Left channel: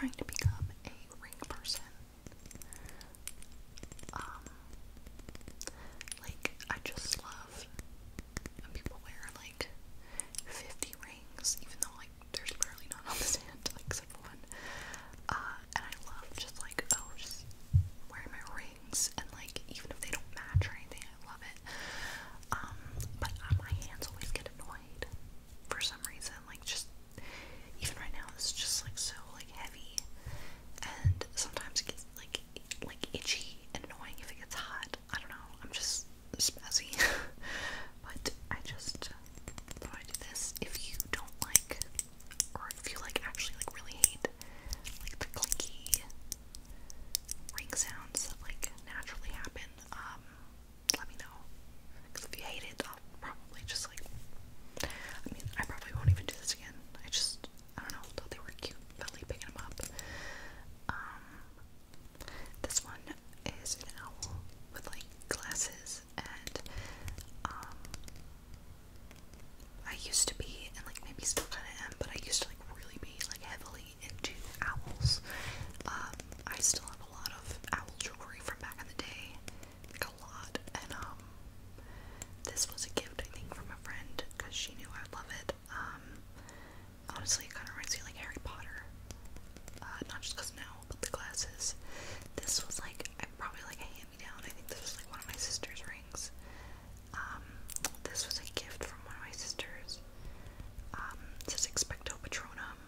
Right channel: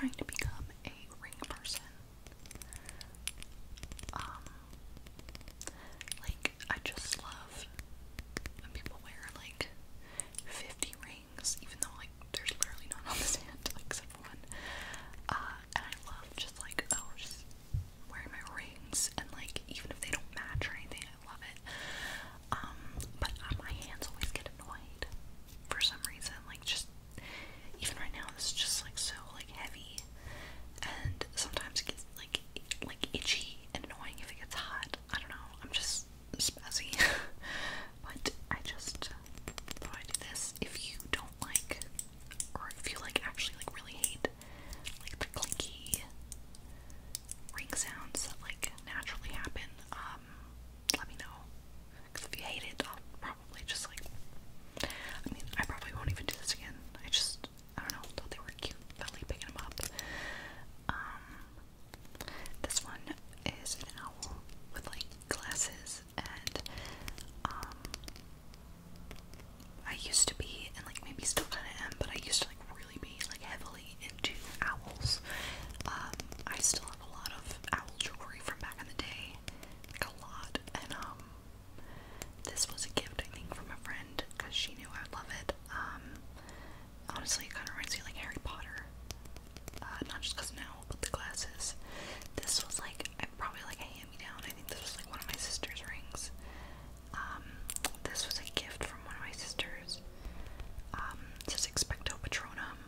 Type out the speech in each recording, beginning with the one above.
trying to become a ring person. Like, I just love when people wear, like, 50 rings, even though, like, there's literally none on this hand, like, except for one. And I love just, like, just wearing my rings, and, like, even if they don't match or anything, I love it. But my hands always get annoyed for some reason, like, just, even right now, this is just, like, so, like, heavy, and sometimes it gets, like itchy and annoying if it gets hot. I don't know, I'm just spazzy. But I just thought I'd do this. If you don't like, or if you, like, actually, like, really hate, like, the clinky ring sounds that, like, naturally happen, let me know. Because if you hate it, I'll probably just, like, I mean, I probably won't even do this again. I don't know, thought they were cute, belly picking them up. This one is an owl with, like, glasses, and, I used to be, and, like, maybe still kind of am, but I used to, like, really be, like, heavily into owls. I still have a lot of owl jewelry from back in the day, like, a lot, and, this was a gift, I think, from a friend, because she knew I'd love it. Honestly, it kind of reminds me of, like, Harry Potter, not just because now, but the glasses. This was, like, probably, like, a hand-me-down. I think this was, like, one of my sister's rings. This was a gift from one of my sisters. It says Expecto Patronum,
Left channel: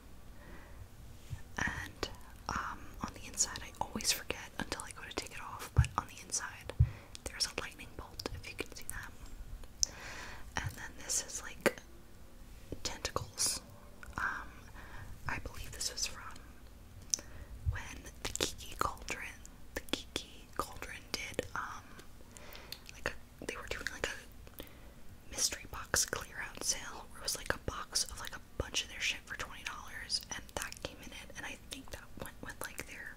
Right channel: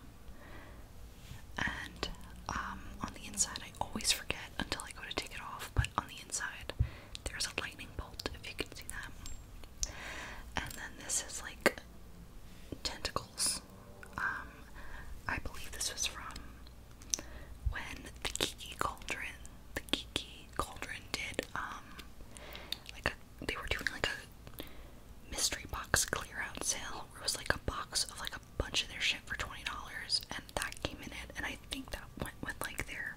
and, on the inside, I always forget until I go to take it off, but on the inside, there's a lightning bolt, if you can see that. And then this is, like, tentacles. I believe this was from when the Kiki Cauldron did, like, they were doing, like, a mystery box clear out sale, where it was, like, a box of, like, a bunch of their shit for $20, and that came in it, and I think that went with, like, their,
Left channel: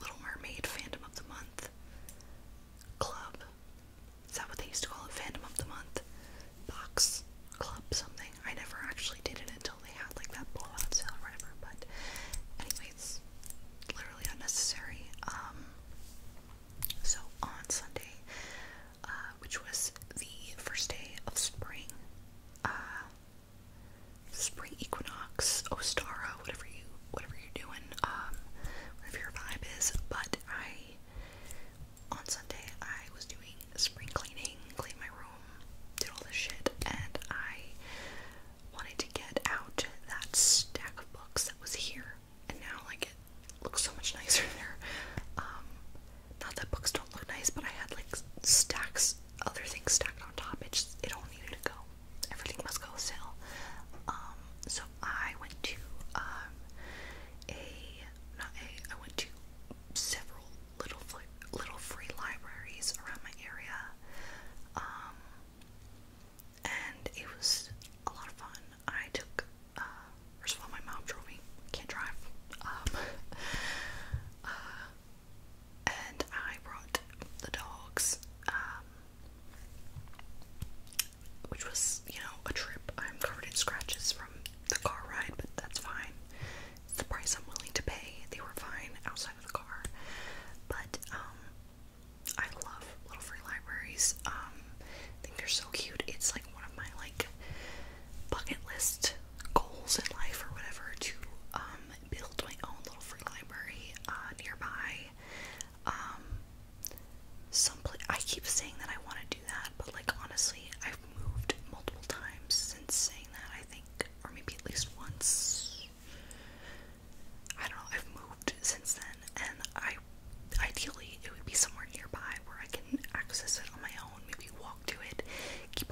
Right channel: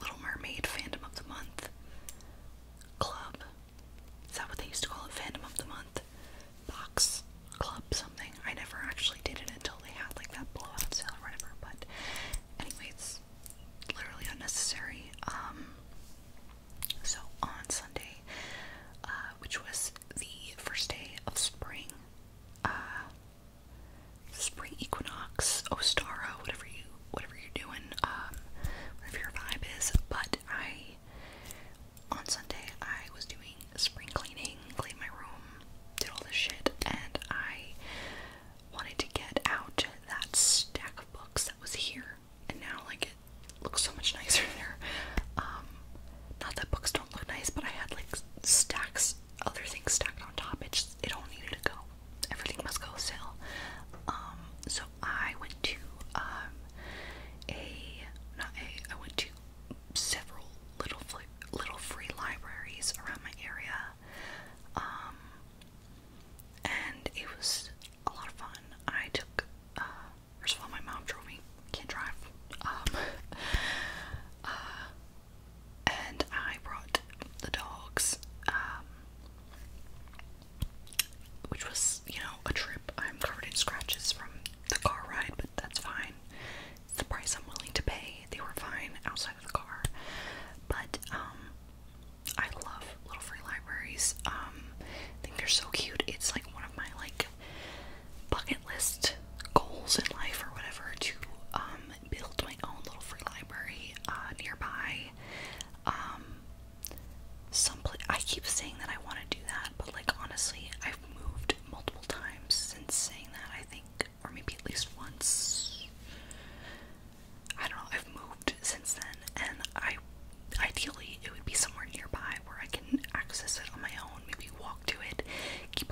Little Mermaid Fandom of the Month club. Is that what they used to call it? Fandom of the Month box club something. I never actually did it until they had, like, that blowout sale or whatever, but anyways, literally unnecessary. So on Sunday, which was the first day of spring, spring equinox, Ostara, whatever you're doing, whatever your vibe is, but on Sunday, I was doing spring cleaning, cleaned my room, did all this shit, and I wanted to get out that stack of books that was here, and now, like, it looks so much nicer there. Not that books don't look nice, but I had, like, stacks, other things stacked on top. It all needed to go. Everything must go still. So I went to, I went to several little free libraries around my area, and it was a lot of fun. I took, first of all, my mom drove me, can't drive, and I brought the dogs, which was, you know, a trip. I'm covered in scratches from the car ride, but that's fine. It's the price I'm willing to pay. They were fine outside of the car. But, I love little free libraries. I think they're so cute. It's, like, one of my, like, bucket list goals in life or whatever to, build my own little free library, nearby. I keep saying that I want to do that, but, like, honestly, I've moved multiple times since saying that, I think, or maybe at least once. I don't know, I've moved since then, and ideally, it would be somewhere nearby where I can access it on my own, maybe walk to it, keep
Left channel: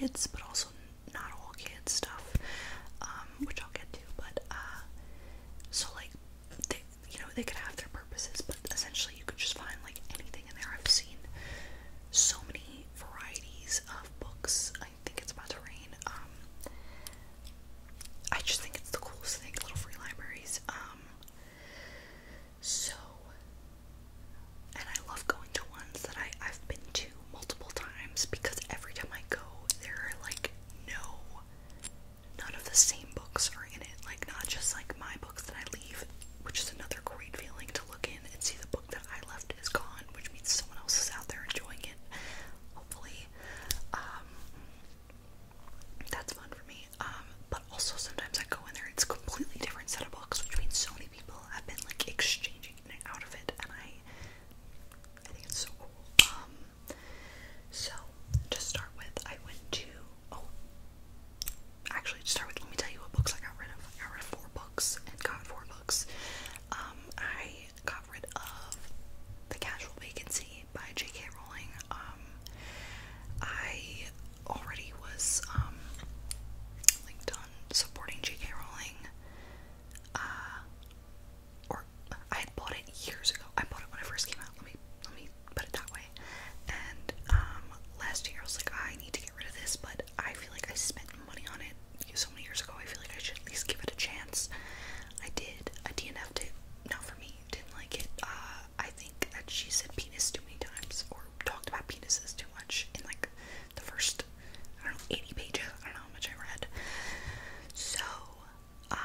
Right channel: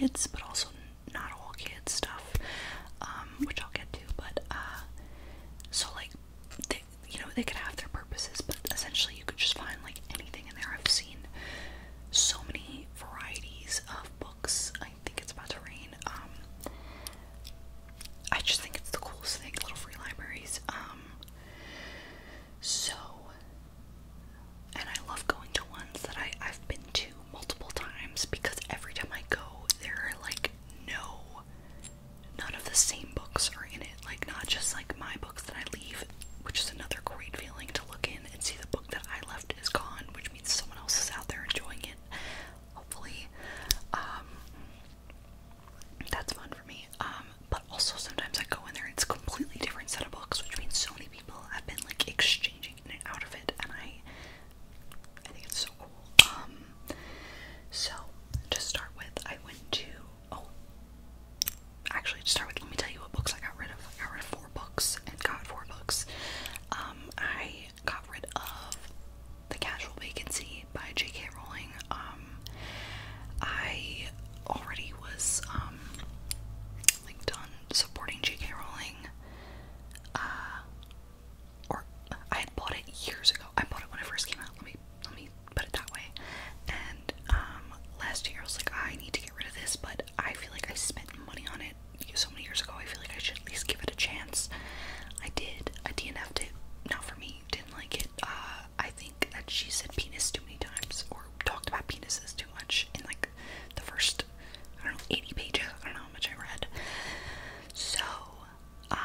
kids, but also not all kids stuff, which I'll get to. But so like they, they could have their purposes, but essentially you could just find like anything in there. I've seen so many varieties of books. I think it's about to rain. I just think it's the coolest thing, little free libraries. So, and I love going to ones that I've been to multiple times, because every time I go, there are like none of the same books are in it. Like, not just like my books that I leave, which is another great feeling to look in and see the book that I left is gone, which means someone else is out there enjoying it, hopefully. That's fun for me. But also sometimes I go in there, it's a completely different set of books, which means so many people have been like exchanging in and out of it, and I think it's so cool. So to start with, I went to, actually to start with, let me tell you what books I got rid of. I got rid of 4 books and got 4 books. I got rid of The Casual Vacancy by J.K. Rowling. I already was like done supporting J.K. Rowling, or I had bought it years ago. I bought it when it first came out. Let me put it that way. And last year I was like, I need to get rid of this, but I feel like I spent money on it so many years ago. I feel like I should at least give it a chance. I did. I DNF'd it. Not for me. Didn't like it. I think that she said penis too many times, or talked about penises too much in like the first, I don't know, 80 pages. I don't know how much I read. So, I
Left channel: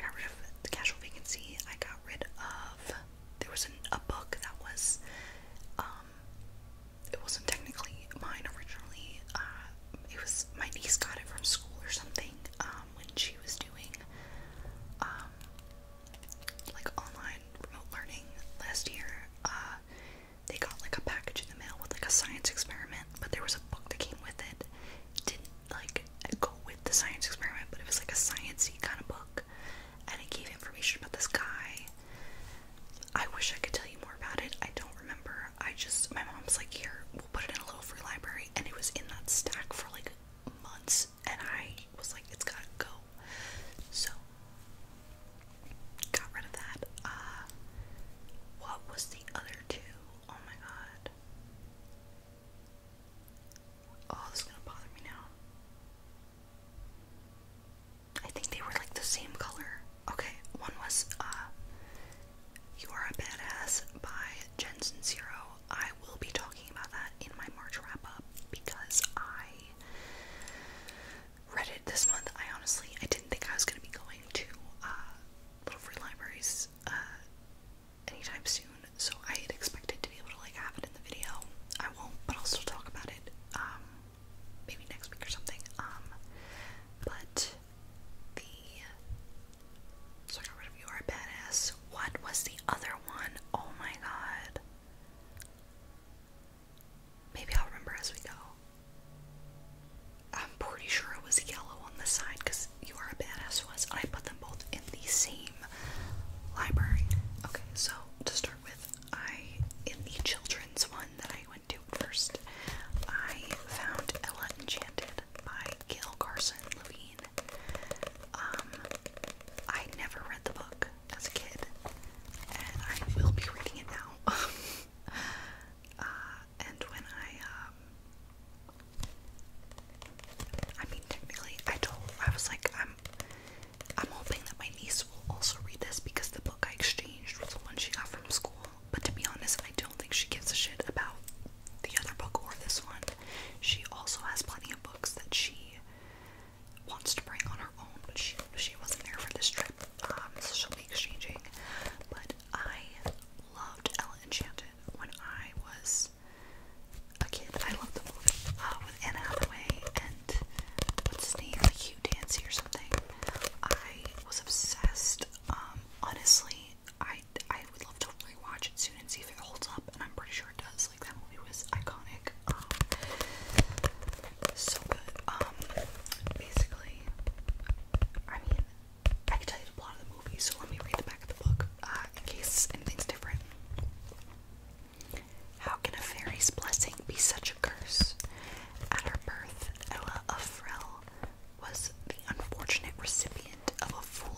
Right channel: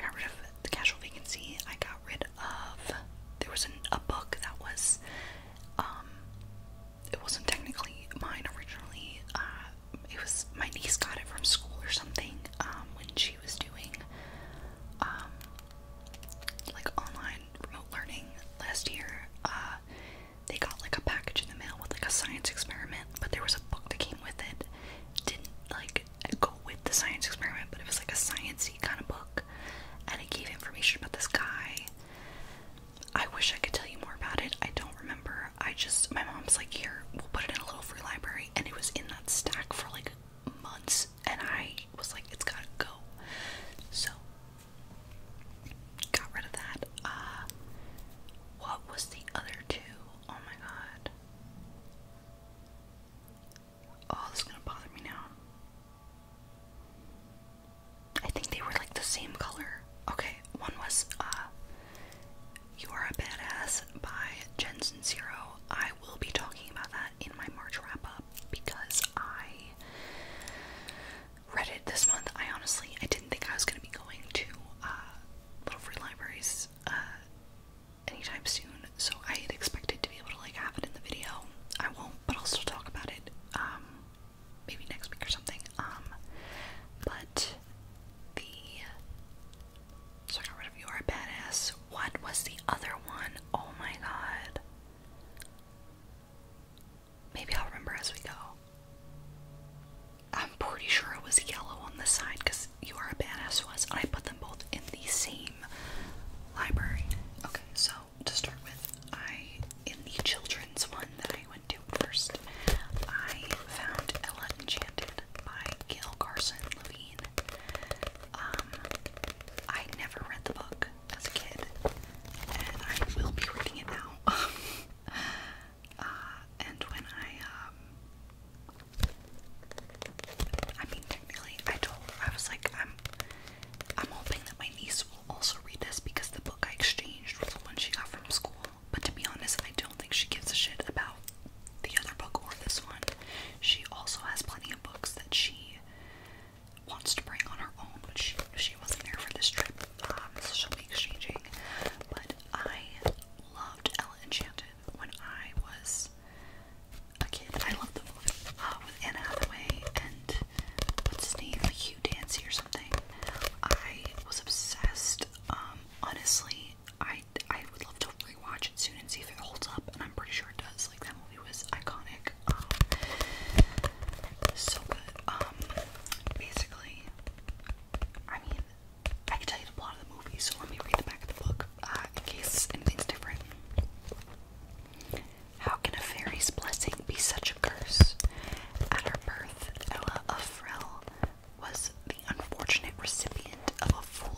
got rid of The Casual Vacancy. I got rid of, there was a book that was, it wasn't technically mine originally. It was, my niece got it from school or something, when she was doing, like online remote learning last year. They got like a package in the mail with like a science experiment, but there was a book that came with it. Didn't like go with the science experiment, but it was like a science-y kind of book, and it gave information about this guy. I wish I could tell you more about it. I don't remember. My mom's like, here, we'll put it in a little free library, and it was in that stack for like months, and I was like, it's gotta go. So, got rid of that. What was the other 2? Oh my god. Oh, this is gonna bother me now. I think they were like the same color. Okay, one was You Are a Badass by Jen Sincero. I will be talking about that in my March wrap-up, because I read it this month. I didn't think I was going to be going to little free libraries anytime soon, so I had expected to be able to like have it in the video. I won't, but I'll still talk about it maybe next week or something. But so I got rid of You Are a Badass. What was the other one? Oh my god.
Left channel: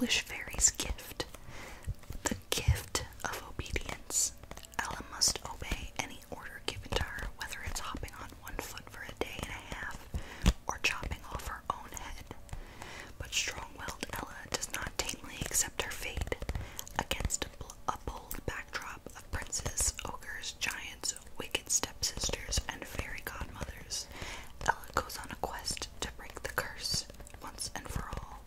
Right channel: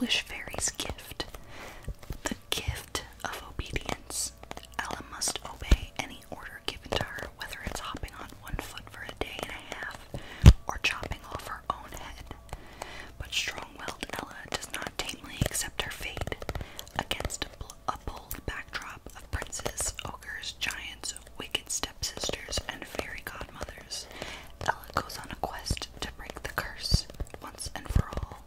foolish fairy's gift. The gift of obedience. Ella must obey any order given to her, whether it's hopping on one foot for a day and a half, or chopping off her own head. But strong-willed Ella does not tamely accept her fate. Against a bold backdrop of princes, ogres, giants, wicked stepsisters, and fairy godmothers, Ella goes on a quest to break the curse once and for all.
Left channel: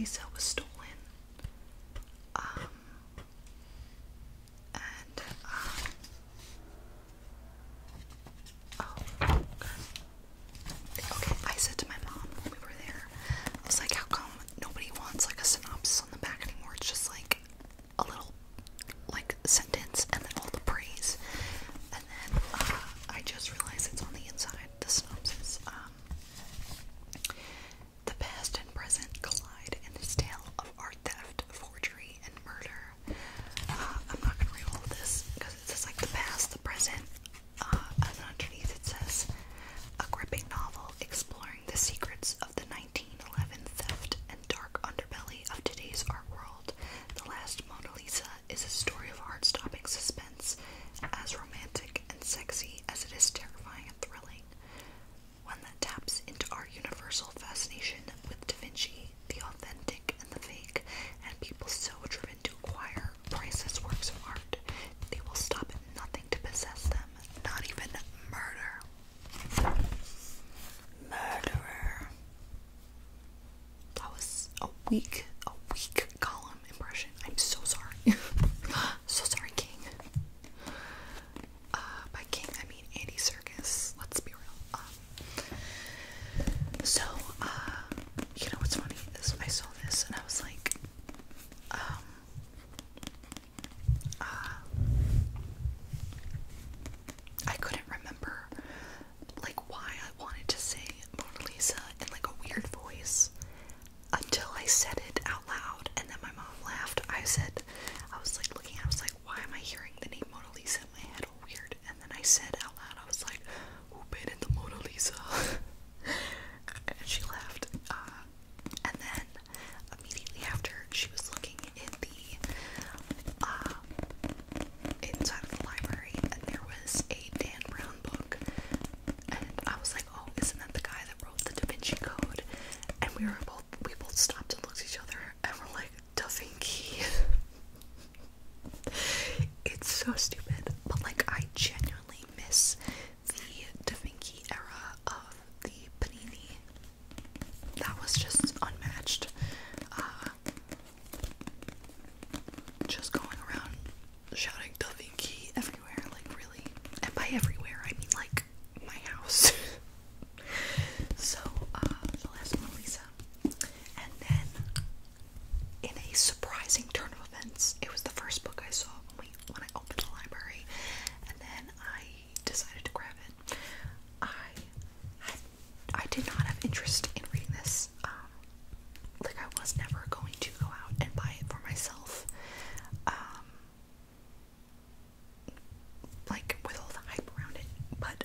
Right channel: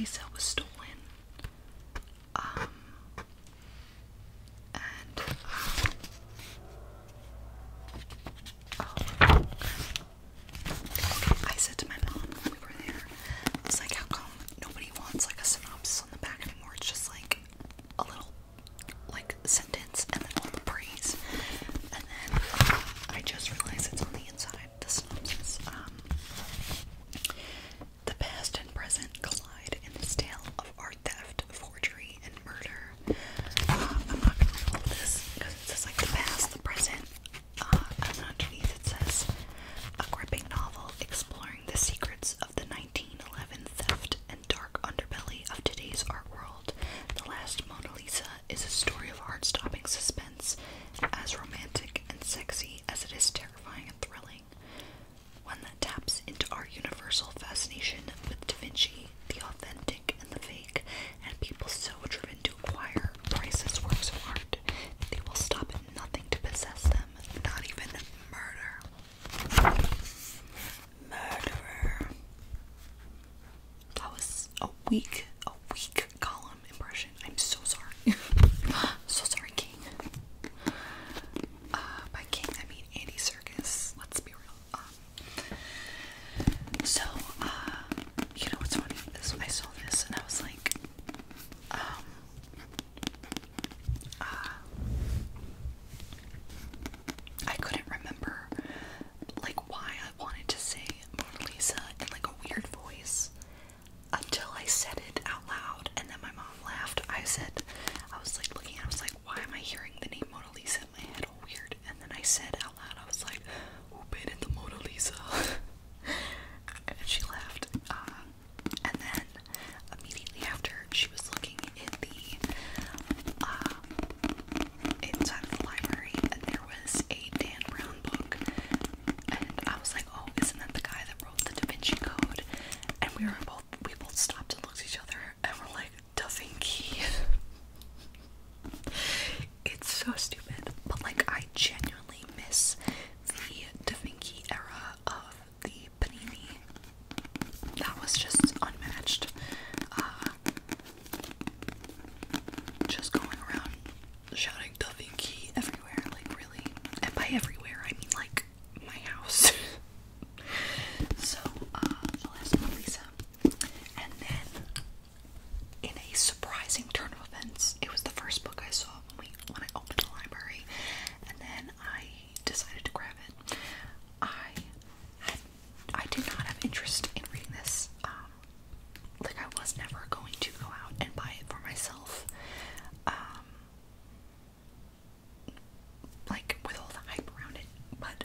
Lisa was stolen. And oh, okay, I said to my mom when we were there, I was like, how come nobody wants like a synopsis on the back anymore? It's just like a little like sentence and then all the praise. And then I just realized it's on the inside, the synopsis. The past and present collide in this tale of art theft, forgery, and murder. I'm not gonna read all of this because it says like the past, the present, and underneath it says a gripping novel exploring the secrets of the 1911 theft and dark underbelly of today's art world. The Last Mona Lisa is a story of heart-stopping suspense, as romantic and sexy as it is terrifying and thrilling. One that taps into our universal fascination with Da Vinci, the authentic and the fake, and people so driven to acquire priceless works of art, they will stop at nothing to possess them, not even murder. Murderer. That was a weak column impression. I'm so sorry. So sorry, King. By King, I mean Andy Serkis. Let's be real. So, you know what's funny is I saw this and I was like, I couldn't remember, like, why I wanted to say Mona Lisa in, like, a weird voice until I said it out loud, and then my mom laughed. I was, like, looking, I was like, why am I hearing the name Mona Lisa in my head all weird? And then I said out loud, I was like, who painted the Mona Lisa? And she laughed, and then immediately after, she was looking in the, inside of the library, and there was a Dan Brown book, and I was like, oh, isn't that the guy that wrote the Da Vinci Code? And we both stopped and looked at each other, and we're like, Da Vinci. It's so stupid, but like, I genuinely miss the Da Vinci era of the Panini. That was just unmatched. Just going around shouting Da Vinci everywhere, like, really. And by everywhere, I mean like my house. So, The Last Mona Lisa. And then, in a surprising turn of events, it was the first book I saw when I opened the library, and then I decided to grab it. I did not have interest in reading this. Like, I was never going to go out and buy it for myself. Like, with all the hype around it, but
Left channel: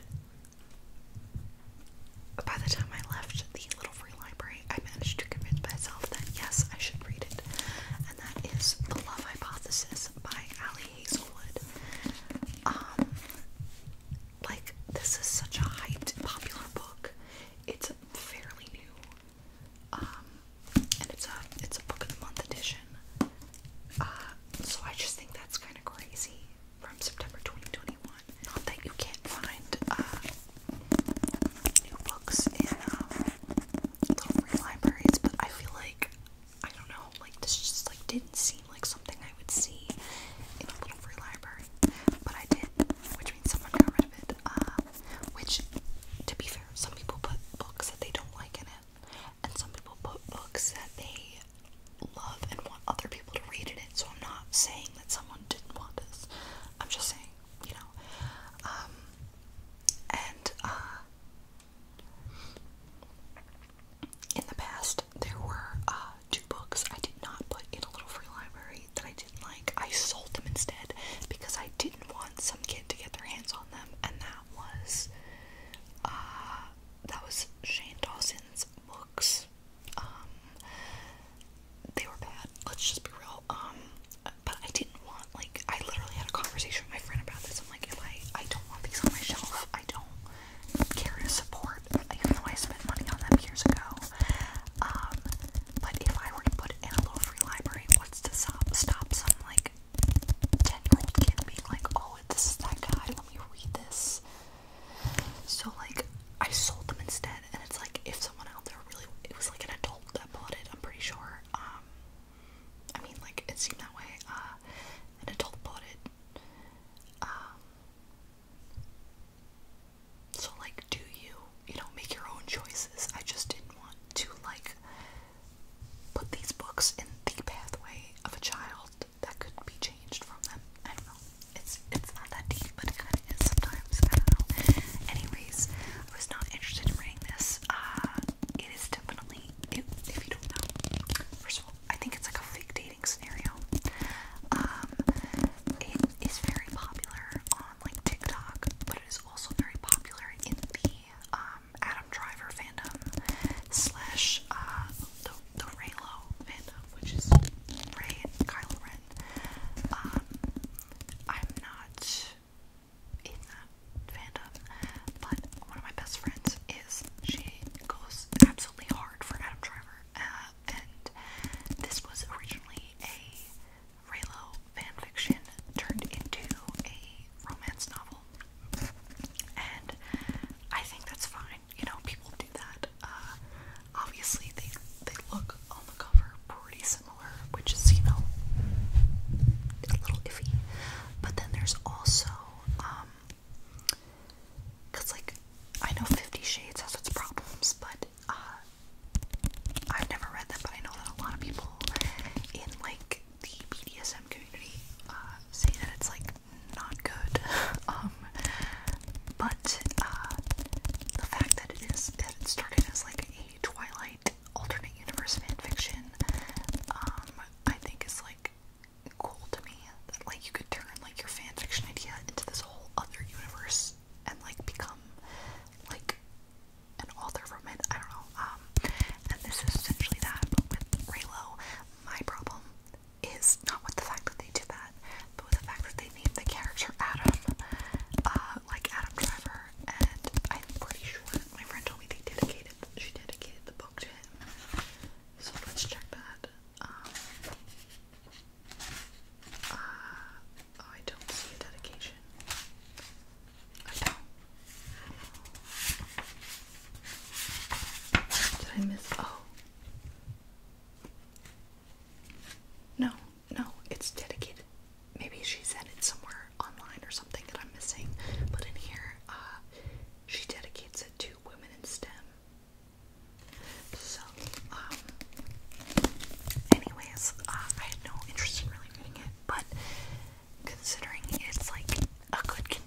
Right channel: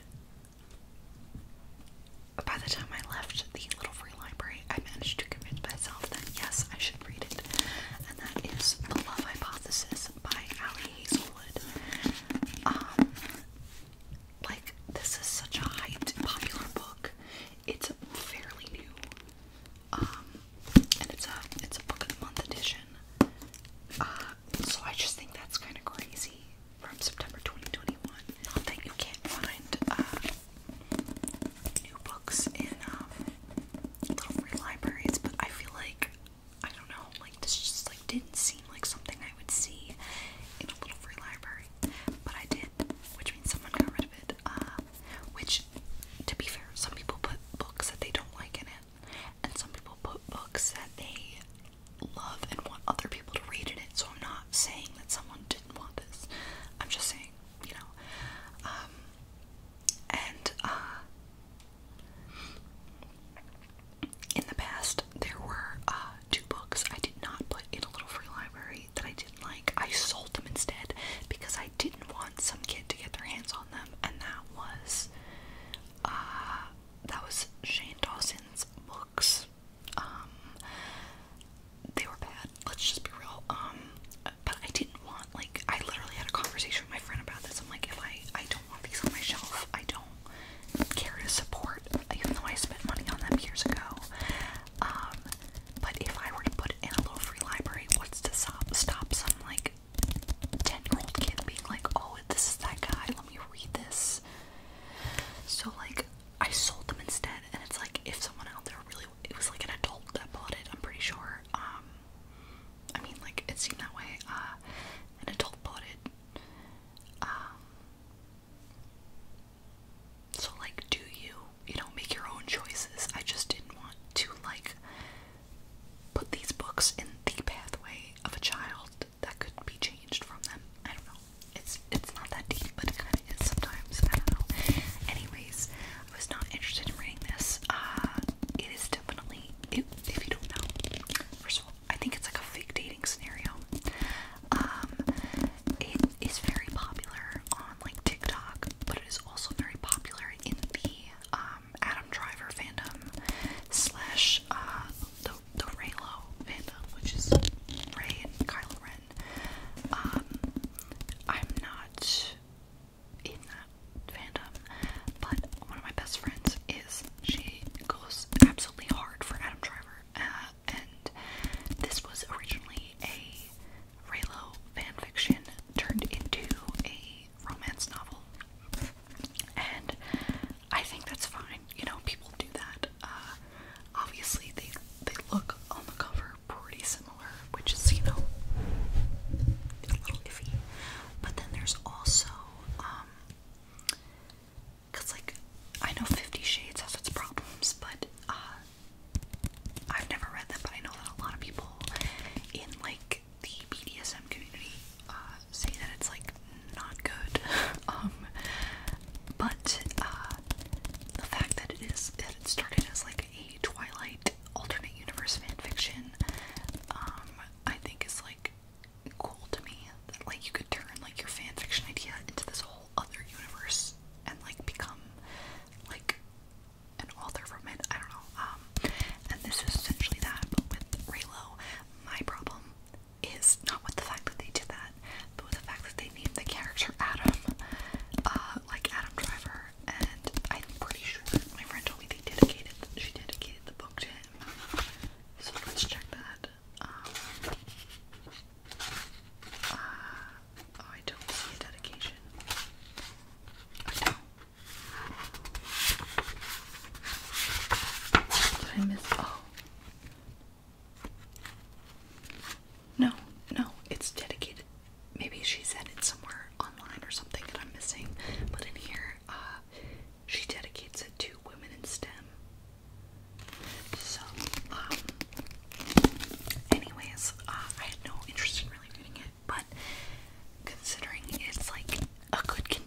by the time I left the little free library, I managed to convince myself that yes, I should read it, and that is The Love Hypothesis by Ali Hazelwood. Like, this is such a hyped, popular book. It's fairly new, and it's a book of the month edition. So I just think that's kind of crazy from September 2021. Not that you can't find new books in little free libraries, but I feel like, I don't know, like, this just like didn't seem like something I would see in a little free library, but I did, which means someone got rid of it. Which, to be fair, some people put books that they don't like in it, and some people put books that they love and want other people to read in it. So I'm not saying that someone didn't want this. I'm just saying, you know. In the past, there were two books I did not put in a little free library that I didn't like. I sold them instead because I didn't want some kid to get their hands on them, and that was Shane Dawson's books.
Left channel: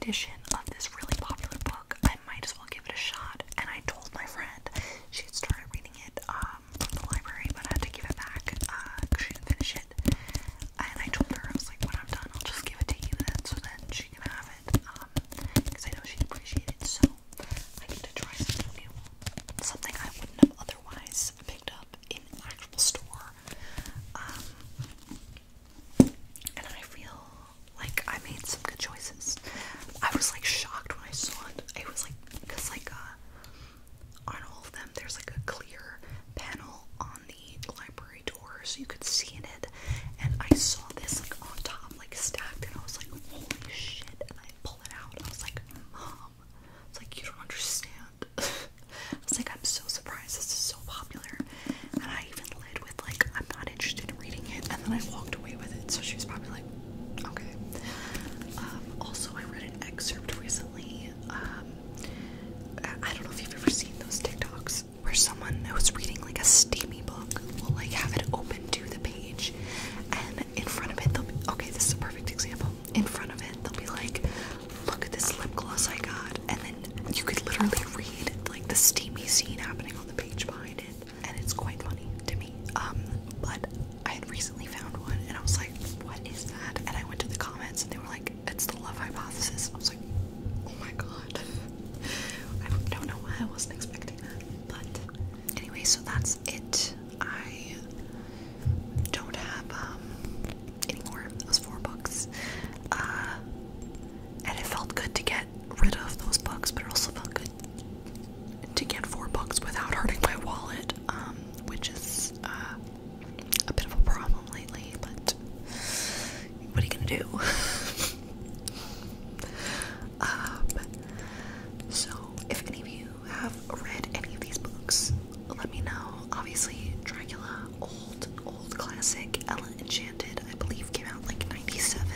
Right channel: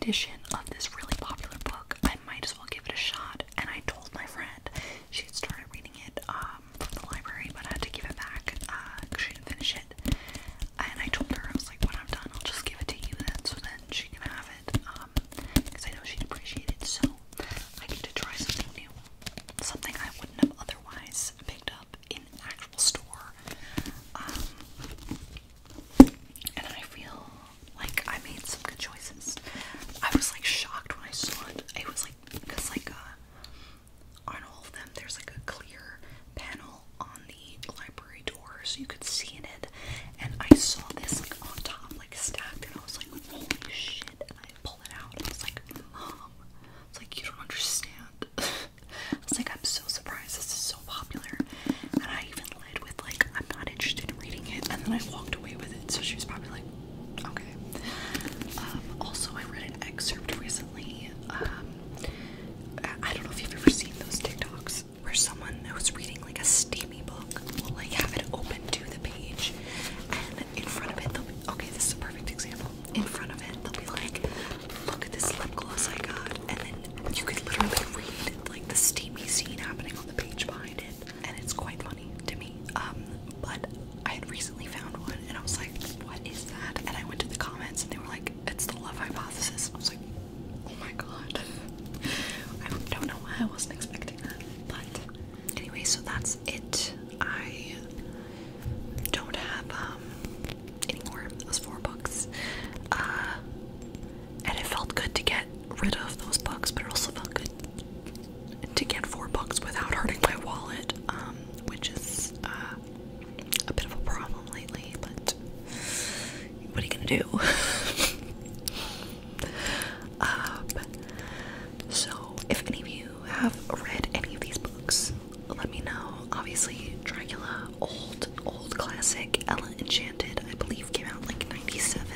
edition of this really popular book. I might as well give it a shot. And I told my friend she had started reading it from the library, but I had to give it back because she didn't finish it. And I told her, I was like, when I'm done, I'll just give it to you then, so then she can have it. Because I know she'd appreciate it. So I get to try something new, something I wouldn't have otherwise picked up in an actual store. And I feel like I made some good choices. I was like shocked when I saw it. It was like, because like on all of them there's like a clear panel on the library door so you could see in it, and I saw this like on top, like stacked, and I was like, holy shit. And I pulled it out and I was like, Mom, it's like, you don't understand. I was like, I'm so surprised this is so popular. And I even led with like, I'm not interested in reading it, and then I walked away with it, so she was probably like, okay. Also, I read an excerpt recently. I don't know if you've ever seen those TikToks where someone who's reading like a steamy book will like have it open to the page, and in front of it they'll be, okay, this is a perfect example. In front of it they'll be like, look at this lip gloss I got, and then you could literally read like the steamy scene happening on the page behind it, and it's quite funny to me. But I had recently found one, and I was like, what is that? And I went to the comments, and they were like, it's the love hypothesis. I was like, oh my god. I don't know why I wasn't expecting that. But anyway, so that's it. I don't have any more of those 4 books. And it felt good to get rid of those books, but it also felt good to get 4 books without hurting my wallet, which is a bit of a problem lately, but what are you gonna do? So if any of you have read any of these books, let me know. Obviously, Dracula, old classic. Ella Enchanted, I believe, came out like 97.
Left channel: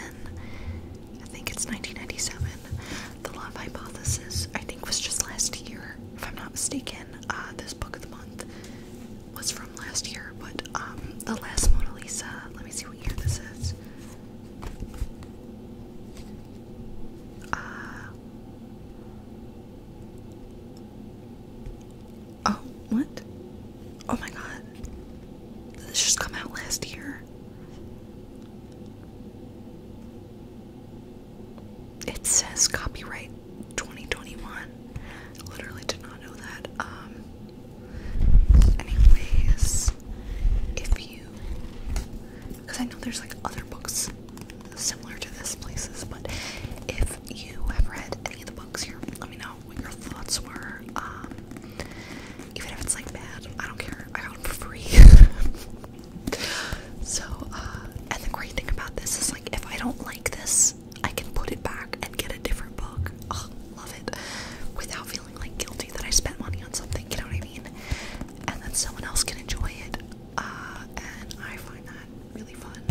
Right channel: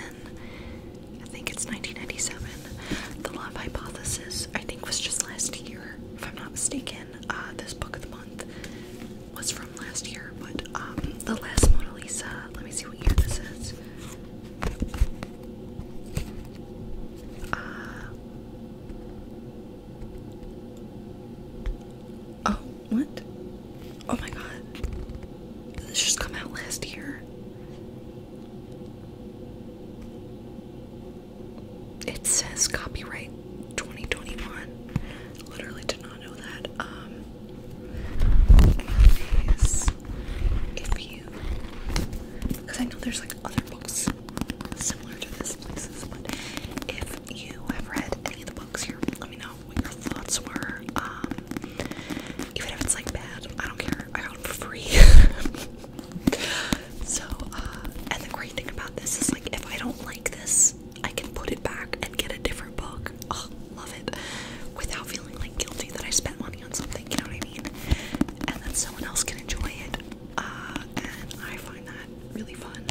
I think it's 1997. The Love Hypothesis, I think, was just last year, if I'm not mistaken. This book of the month was from last year, but The Last Mona Lisa, let me see what year this is. Oh, what? Oh my god. Did this just come out last year? It says copyright 2021. Literally did not know that. Anyways, if you, because I know there's like other books similar to this places, but if you have read any of the books here, let me know what your thoughts were. Even if it's like bad, I don't care. I got them for free. So, and the great thing about this is like, if I don't like this, I can put it back and get a different book. Oh, love it. Without feeling like guilty that I spent money on something, you know what I mean? And then someone else can enjoy it. And I find that really fun.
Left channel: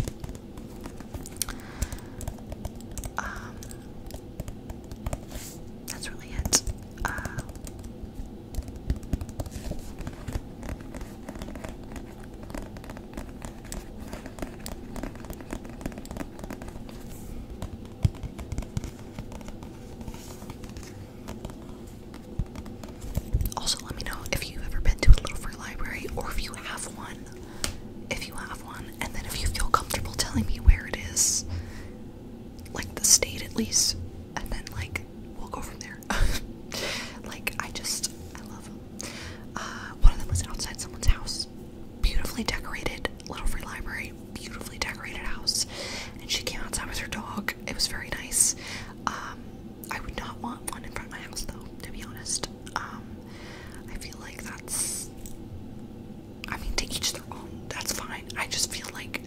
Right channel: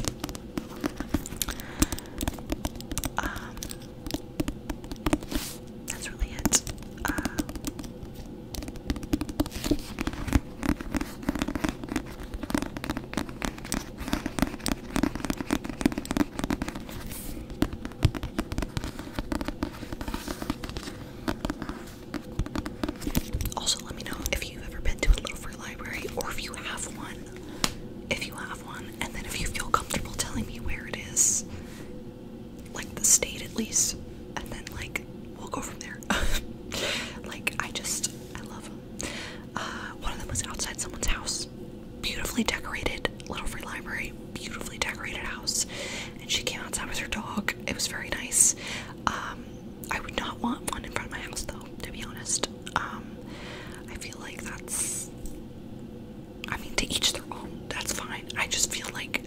That's really it. Also, let me know if you've ever been to a little free library, or if you have one. If you have one, and then if you feel comfortable telling me where it is, like the state at least, and then like we'll go from there. Like I love them. One of them was outside someone's house, beautifully decorated little free library, beautifully decorated house, and she came outside with her dog. It was very nice. I would not want one in front of my house though, to be honest. I feel like that's, I mean, to each their own, that's fine. I just feel like